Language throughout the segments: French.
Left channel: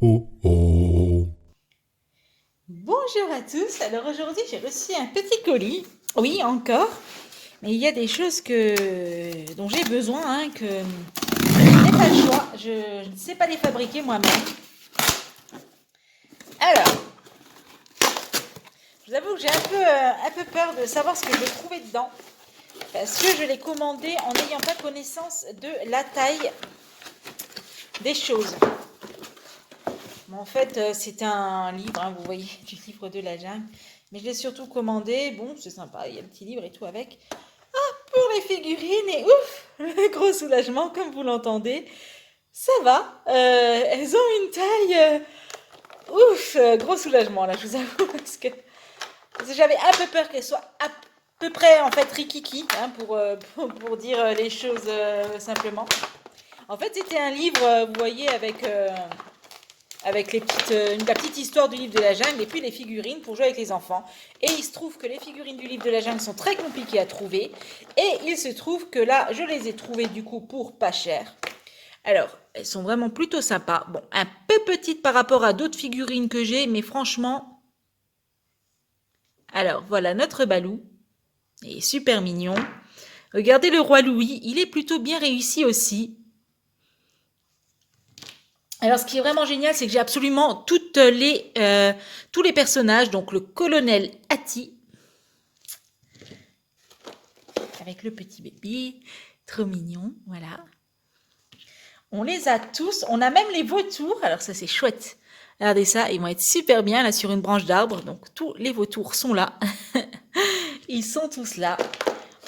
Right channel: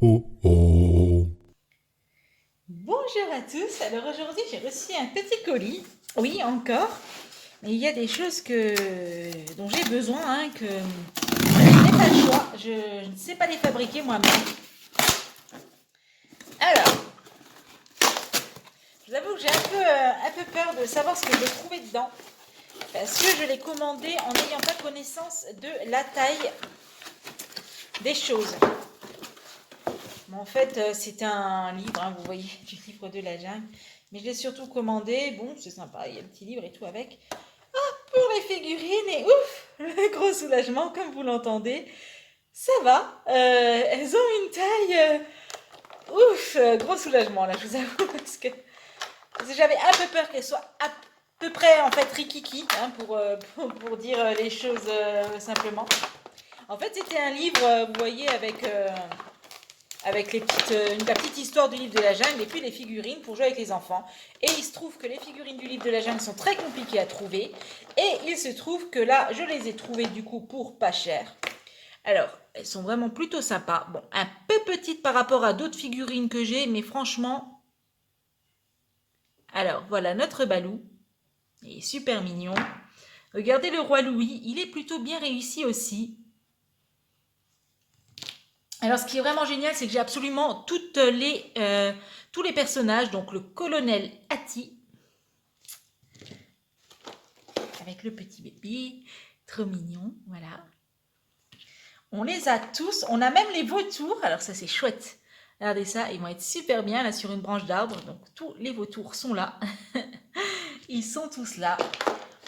oh, oh. Bonjour à tous. Alors aujourd'hui, j'ai reçu un petit colis. Oui, encore. Mais il y a des choses dont j'ai besoin, que je n'ai pas le choix. Je ne sais pas les fabriquer moi-même. Alors, je vous avoue que j'ai un peu peur de savoir ce que je vais trouver dedans. Parce que je l'ai commandé en n'ayant pas connaissance de la taille des choses. Bon, en fait, c'est un livre, vous voyez, du livre de la jungle. Mais je l'ai surtout commandé. Bon, c'est sympa, il y a le petit livre et tout avec. Pour les figurines et ouf, le gros soulagement comme vous l'entendez. Ça va, elles ont une taille, ouf, gros soulagement là, je vous avoue, parce que j'avais un peu peur qu'elles soient à peu près en fait rikiki, pour dire les choses simplement. En fait, c'était un livre, vous voyez, avec la petite histoire du livre de la jungle et puis les figurines pour jouer avec les enfants. Et il se trouve que les figurines du livre de la jungle sont très compliquées à trouver. Et il se trouve que là, je les ai trouvées du coup pour pas cher. Alors, elles sont vraiment plutôt sympas. Bon, un peu petites par rapport à d'autres figurines que j'ai, mais franchement... Alors, voilà notre Balou. Il est super mignon. Regardez le roi Louis, il est plutôt bien réussi aussi. Alors, ce qui est vraiment génial, c'est que j'ai absolument tous les personnages. Donc, le colonel Hattie, avec le petit bébé, trop mignon, voilà. On les a tous, on a même les vautours, alors ça c'est chouette. Regardez ça, ils vont être super bien là sur une branche d'arbre, donc tous les vautours sont là. Ils sont tous là.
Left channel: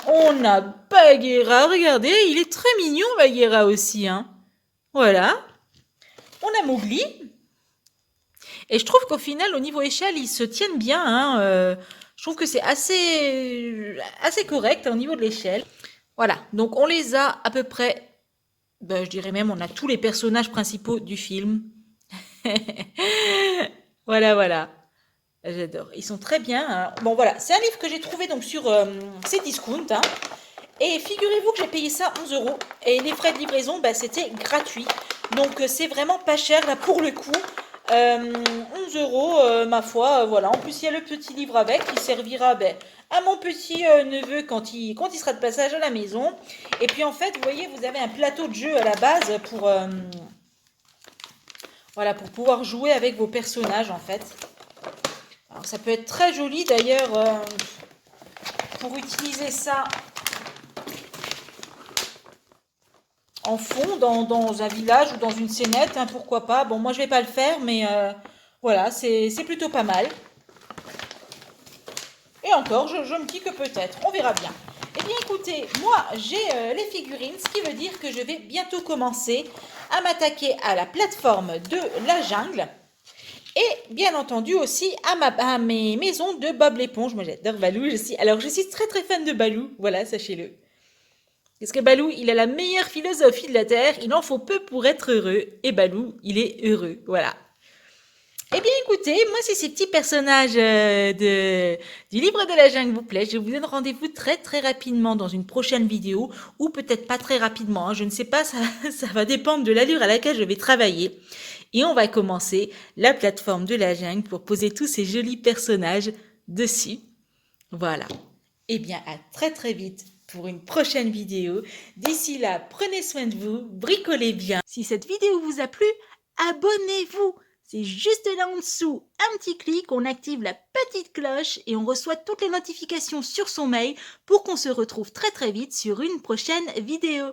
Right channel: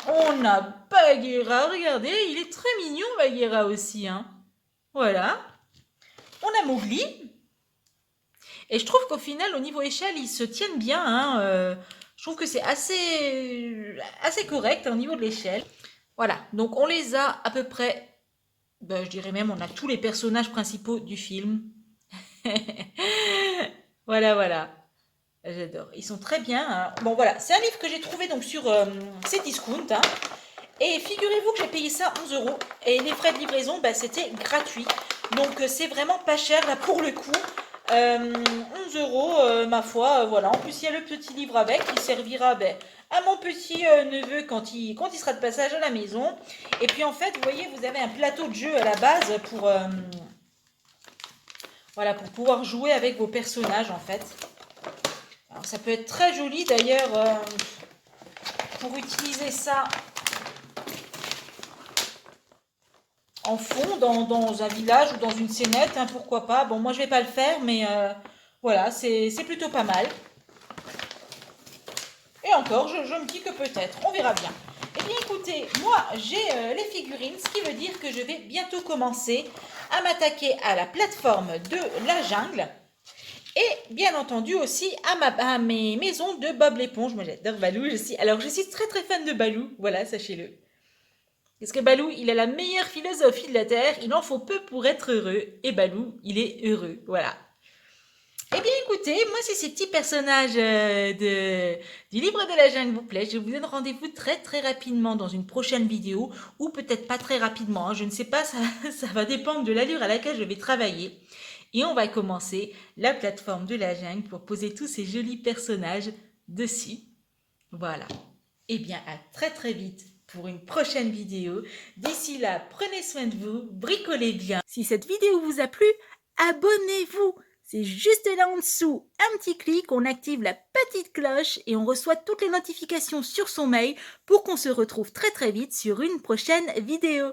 On a Bagheera, regardez, il est très mignon Bagheera aussi, hein. Voilà. On a Mowgli, et je trouve qu'au final, au niveau échelle, ils se tiennent bien, hein. Je trouve que c'est assez correct au niveau de l'échelle. Voilà, donc on les a à peu près, ben, je dirais même, on a tous les personnages principaux du film. Voilà, voilà. J'adore. Ils sont très bien, hein. Bon, voilà, c'est un livre que j'ai trouvé donc sur Cdiscount, hein. Et figurez-vous que j'ai payé ça 11 euros. Et les frais de livraison, bah, c'était gratuit. Donc c'est vraiment pas cher là pour le coup. 11 euros, ma foi, voilà. En plus, il y a le petit livre avec qui servira ben, à mon petit neveu quand il sera de passage à la maison. Et puis en fait, vous voyez, vous avez un plateau de jeu à la base voilà, pour pouvoir jouer avec vos personnages en fait. Alors, ça peut être très joli d'ailleurs pour utiliser ça en fond dans un village ou dans une scénette, hein, pourquoi pas. Bon, moi je vais pas le faire, mais voilà, c'est plutôt pas mal. Et encore, je me dis que peut-être, on verra bien. Eh bien écoutez, moi j'ai les figurines, ce qui veut dire que je vais bientôt commencer à m'attaquer à la plateforme de la jungle. Et bien entendu aussi à mes maisons de Bob l'éponge. Moi j'adore Balou aussi. Alors je suis très très fan de Balou, voilà, sachez-le. Parce que Balou, il a la meilleure philosophie de la Terre, il en faut peu pour être heureux. Et Balou, il est heureux, voilà. Eh bien écoutez, moi si ces petits personnages du livre de la jungle vous plaisent, je vous donne rendez-vous très très rapidement dans une prochaine vidéo, ou peut-être pas très rapidement, hein, je ne sais pas, ça va dépendre de l'allure à laquelle je vais travailler. Et on va commencer la plateforme de la jungle pour poser tous ces jolis personnages dessus. Voilà. Eh bien, à très très vite pour une prochaine vidéo. D'ici là, prenez soin de vous, bricolez bien. Si cette vidéo vous a plu, abonnez-vous. C'est juste là en dessous, un petit clic, on active la petite cloche et on reçoit toutes les notifications sur son mail pour qu'on se retrouve très très vite sur une prochaine vidéo.